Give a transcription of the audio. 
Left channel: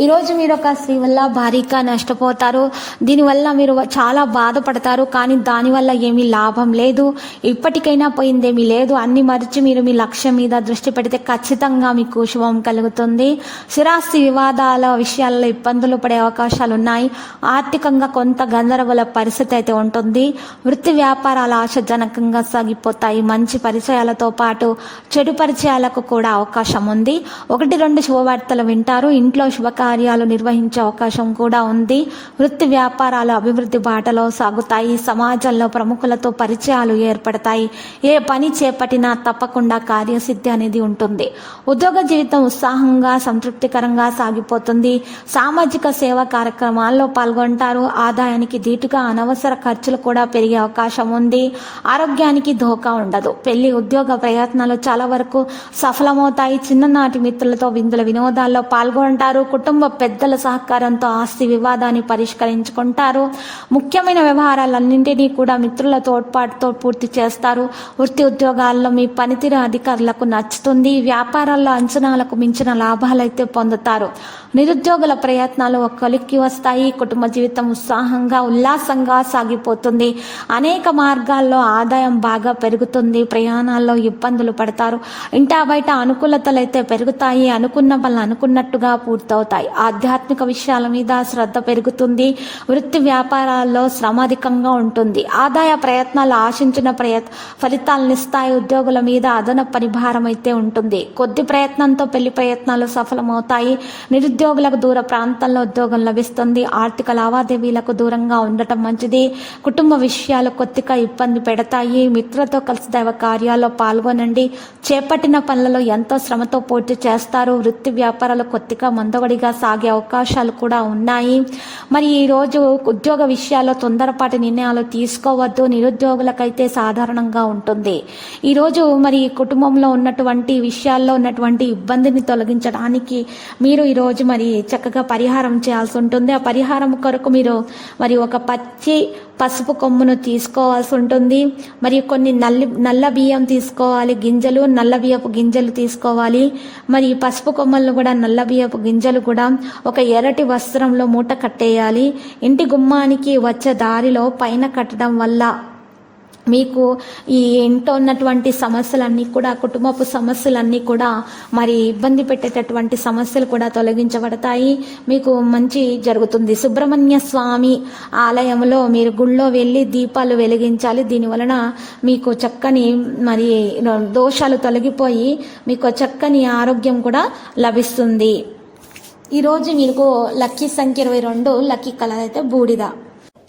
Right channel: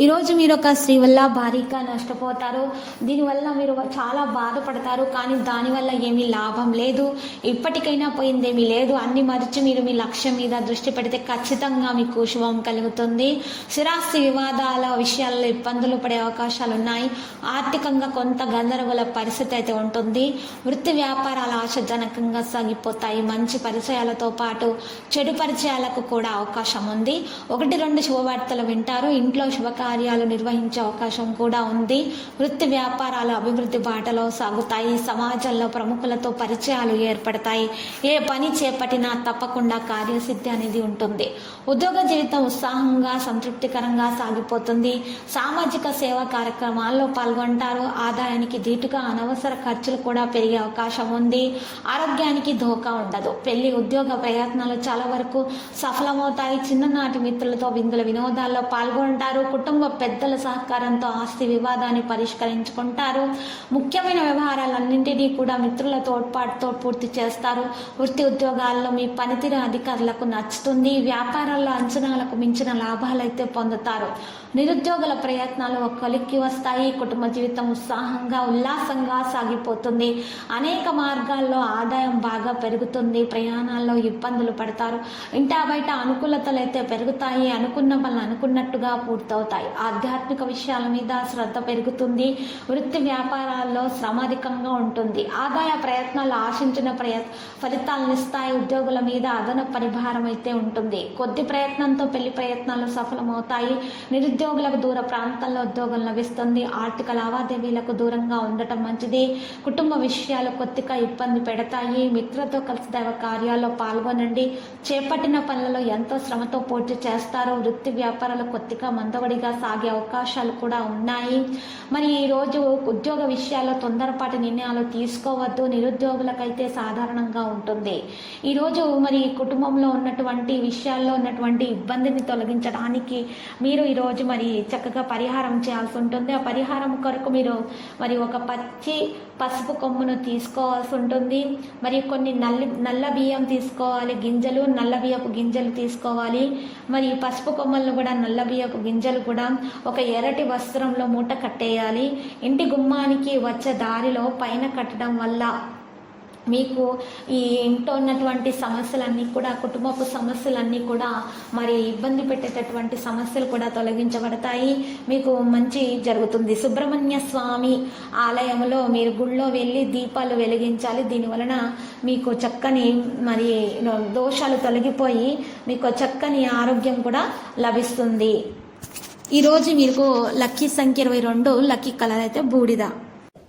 ఈరోజు మీరు ఒక స్త్రీ వల్ల భారీగా నష్టపోతారు. దీనివల్ల మీరు చాలా బాధపడతారు. కానీ దానివల్ల ఏమీ లాభం లేదు. ఇప్పటికైనా పోయిందేమీ లేదు. అన్ని మరిచి మీరు మీ లక్ష్యం మీద దృష్టి పెడితే ఖచ్చితంగా మీకు శుభం కలుగుతుంది. స్థిరాస్తి వివాదాల విషయాల్లో ఇబ్బందులు పడే అవకాశాలు ఉన్నాయి ఆర్థికంగా కొంత గందరగోళ పరిస్థితి అయితే ఉంటుంది. వృత్తి వ్యాపారాలు ఆశాజనకంగా సాగిపోతాయి. మంచి పరిచయాలతో పాటు చెడు పరిచయాలకు కూడా అవకాశం ఉంది. ఒకటి రెండు శుభవార్తలు వింటారు. ఇంట్లో కార్యాలు నిర్వహించే అవకాశం కూడా ఉంది. వృత్తి వ్యాపారాలు అభివృద్ధి బాటలో సాగుతాయి. సమాజంలో ప్రముఖులతో పరిచయాలు ఏర్పడతాయి. ఏ పని చేపట్టినా తప్పకుండా కార్యసిద్ధి అనేది ఉంటుంది. ఉద్యోగ జీవితం ఉత్సాహంగా సంతృప్తికరంగా సాగిపోతుంది. సామాజిక సేవా కార్యక్రమాల్లో పాల్గొంటారు. ఆదాయానికి ధీటుగా అనవసర ఖర్చులు కూడా పెరిగే అవకాశం ఉంది. ఆరోగ్యానికి ధోకా ఉండదు. పెళ్ళి ఉద్యోగ ప్రయత్నాలు చాలా వరకు సఫలమవుతాయి. చిన్ననాటి మిత్రులతో విందుల వినోదాల్లో పాల్గొంటారు. కుటుంబ కుటుంబ పెద్దల సహకారంతో ఆస్తి వివాదాన్ని పరిష్కరించుకుంటారు. ముఖ్యమైన వ్యవహారాలన్నింటినీ కూడా మిత్రుల తోడ్పాటుతో పూర్తి చేస్తారు. వృత్తి ఉద్యోగాల్లో మీ పనితీరు అధికారులకు నచ్చుతుంది. వ్యాపారాల్లో అంచనాలకు మించిన లాభాలైతే పొందుతారు. నిరుద్యోగుల ప్రయత్నాలు ఒక కొలిక్కి వస్తాయి. కుటుంబ జీవితం ఉత్సాహంగా ఉల్లాసంగా సాగిపోతుంది. అనేక మార్గాల్లో ఆదాయం బాగా పెరుగుతుంది. ప్రయాణాల్లో ఇబ్బందులు పడతారు. ఇంటా బయట అనుకూలతలు అయితే పెరుగుతాయి. అనుకున్న పనులు అనుకున్నట్టుగా పూర్తవుతాయి. ఆధ్యాత్మిక విషయాల మీద శ్రద్ధ పెరుగుతుంది వృత్తి వ్యాపారాల్లో శ్రమ అధికంగా ఉంటుంది. ఆదాయ ప్రయత్నాలు ఆశించిన ప్రయత్ ఫలితాలను ఇస్తాయి ఉద్యోగుల మీద అదన పరిభారం అయితే ఉంటుంది. కొద్ది ప్రయత్నంతో పెళ్ళి ప్రయత్నాలు సఫలమవుతాయి. నిరుద్యోగులకు దూర ప్రాంతాల్లో ఉద్యోగం లభిస్తుంది. ఆర్థిక లావాదేవీలకు దూరంగా ఉండటం మంచిది. కుటుంబ విషయాలు కొద్దిగా ఇబ్బంది పెడతాయి. మిత్రులతో కలిసి దైవ కార్యాల్లో పాల్గొనండి. చేపట్టిన పనులలో ఎంతో శ్రమతో పూర్తి చేస్తారు. వృత్తి వ్యాపారాలు కొద్దిగా మందగడిగా సాగే అవకాశాలు కూడా ఉన్నాయి. మరి ఈరోజు ఉద్యోగ విషయాల్లో తొందరపాటి నిర్ణయాలు తీసుకోవద్దు. నిరుద్యోగులకైతే సాధారణంగా ఉంటుంది. ఈరోజు మరి కుటుంబంలో ఉన్నటువంటి విషయాల్లో ఉన్నటువంటి ఇబ్బందిని తొలగించడానికి మీరు ఈరోజు మరి చక్కగా పరిహారం చేయాల్సి ఉంటుంది. ఆ పరిహారం కొరకు మీరు మరి ఒక పచ్చి పసుపు కొమ్మును తీసుకోవాల్సి ఉంటుంది. మరియు కొన్ని నల్లి నల్ల బియ్యం తీసుకోవాలి. గింజలు నల్ల బియ్యపు గింజలు తీసుకోవాలి. మరి ఈ పసుపు కొమ్మలను కూడా నల్ల బియ్యపు గింజలు కూడా ఒక ఎర్రటి వస్త్రంలో మూట కట్టేయాలి. ఇంటి గుమ్మానికి వచ్చే దారిలో పైన కట్టడం వల్ల మీకు ఈ ఇంట్లో ఉన్నటువంటి సమస్యలన్నీ కూడా కుటుంబపు సమస్యలన్నీ కూడా మరి ఇబ్బంది పెట్టేటటువంటి సమస్యలు కూడా తొలగించబడతాయి. మీకు మంచి జరుగుతుంది. సుబ్రహ్మణ్య స్వామి ఆలయంలో మీరు గుళ్ళో వెళ్ళి దీపాలు వెలిగించాలి. దీని వలన మీకు చక్కని మరి దోషాలు తొలగిపోయి మీకు చక్కని ఆరోగ్యం కూడా లభిస్తుంది. ఈరోజు మీకు లక్కీ సంఖ్య ఇరవై రెండు లక్కీ కలర్ అయితే బూడిద.